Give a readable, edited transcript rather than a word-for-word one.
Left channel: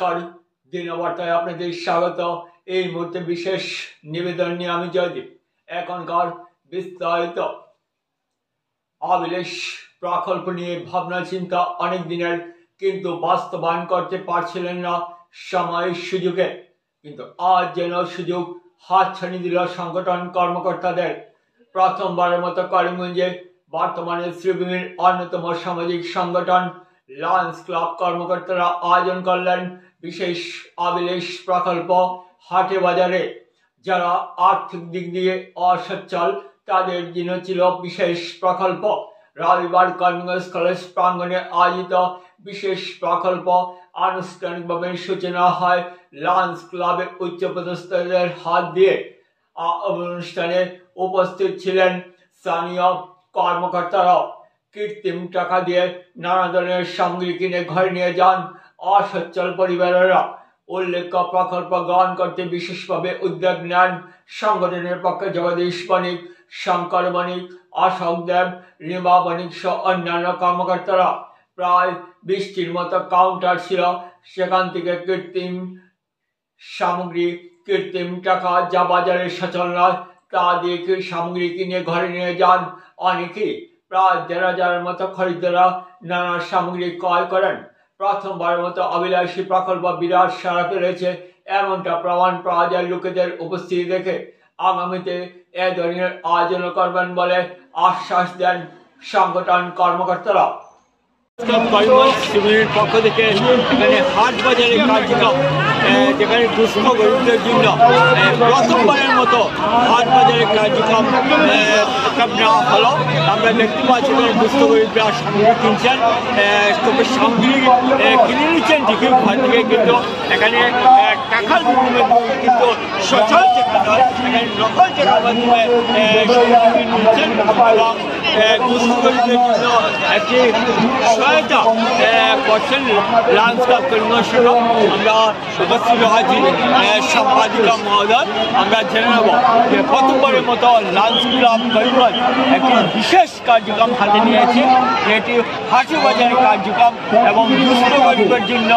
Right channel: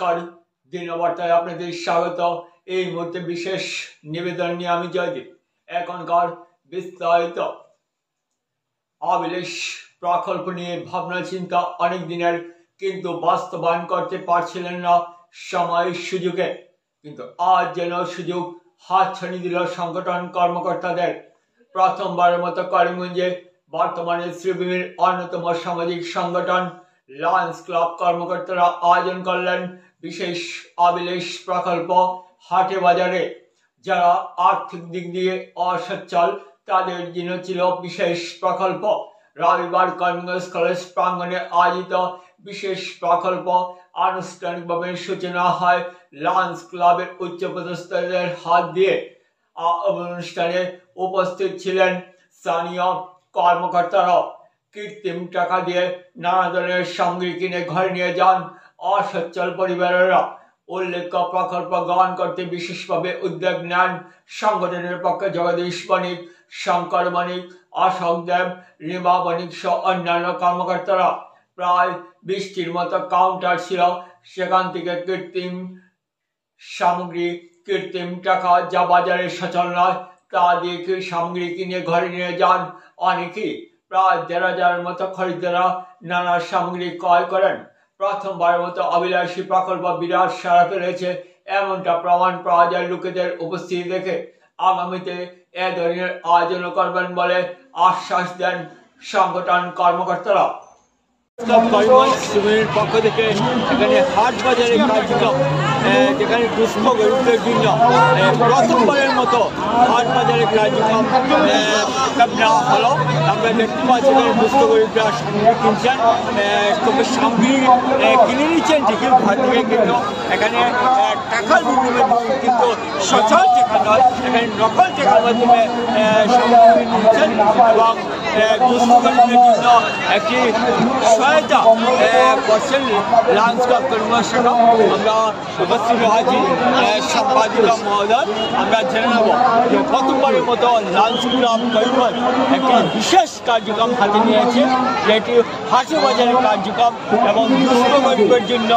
নমস্কার, দিনবার্তায় আপনাদের স্বাগত। এই মুহূর্তে বিশেষ নিবেদন নিয়ে আমি জয়দীপ। এখনকার বিস্তারিত আবিলাস প্রকল্প নিয়ে ভাবনা চিন্তা অনেক দিনের, কিন্তু বাস্তবায়ন করতে পারছিলেন না সময়ের সুযোগে। কিন্তু আজ যেন সুযোগ হাতছানি দিল সংগঠন কর্মকর্তাদের। প্রথমবারের মতো করিমগঞ্জে বর্তমানে শ্রীভূমির অন্যতম সামাজিক সংগঠন লায়ন্স ক্লাব কর্মকর্তারা আয়োজন করলেন বিশেষ আবিলাস প্রকল্প হাটে বাজারে। যারা আর্থিক দিক দিয়ে অসচ্ছল তাদের জন্য ছিল বিশেষ প্রকল্প। রবিবার করিমগঞ্জ কলেজ প্রাঙ্গণে আয়োজিত বিশেষ প্রকল্প আনুষ্ঠানিকভাবে সূচনা হয় লায়ন্স ক্লাবের উচ্চপদস্থদের হাত দিয়ে। অনুষ্ঠানে উপস্থিত ছিলেন স্থানীয় কর্মকর্তারাও। কৃত্রিম টাকা দিয়ে নানা ধরনের সামগ্রী কিনে ঘরে নিয়ে যান অসচ্ছল পরিবারেরা। উল্লেখ্য প্রকল্প গ্রহণ করতে বিশেষভাবে উদ্যোগ নেন সংগঠনের পক্ষে জগদীশ বণিক, শঙ্কর বণিক, অশোক দেব, রিমা বণিক সহ অন্যান্য কর্মকর্তারা। প্রায় 20টির মতো কাউন্টার ছিল। সেখান থেকে কৃত্রিম সামগ্রী, কৃত্রিম টাকা যা বাজারে সচল নয় তা দিয়ে সামগ্রী কিনে ঘরে নিয়ে যান অনেকেই। প্রায় 1,500 মতো খরিদ্দাররা নানা সামগ্রী ক্রয় করেন। প্রথমবারের মতো অবিলাসী প্রকল্প বিরাট সাড়া ফেলেছে, এমনটা প্রমাণ পাওয়া যায় লোকেদের উপস্থিতি দেখে। আগামীতে এ ধরনের আয়োজন করবেন বলে আশ্বাস দেন সংগঠন কর্মকর্তারা। করিমগঞ্জের পক্ষ থেকে এখানে হাট বাজারের কার্যক্রম, যেখানে দুস্থ গরিবদের জন্য প্রথমবারের মতো হাট বাজারের কার্যক্রম নেওয়া হলো। আমরা দেখতে পাচ্ছি এখানে দুস্থ গরিবরা সামগ্রী কিনছেন, তবে সামগ্রী কিনে নিচ্ছেন ঠিকই ঘর থেকে, কিন্তু এখানে টাকার বিভিন্ন কিন্তু সচল টাকা নয়, এখানে নকল টাকার মাধ্যমে সামগ্রী নিচ্ছেন এবং দুস্থ গরিবদের জন্য একটি সহায়তা করছেন লায়ন্স ক্লাব করিমগঞ্জ শাখা। আমরা উপস্থিত আছি সম্পাদিকা মহোদয়। আমরা জেনে নেব যে প্রথমবারের মতো লায়ন্স ক্লাব করিমগঞ্জ একটি বিশেষ কার্যক্রম হাতে নিয়েছে, যেটি হাটে বাজারের কার্যক্রম এবং দুস্থ গরিবের জন্য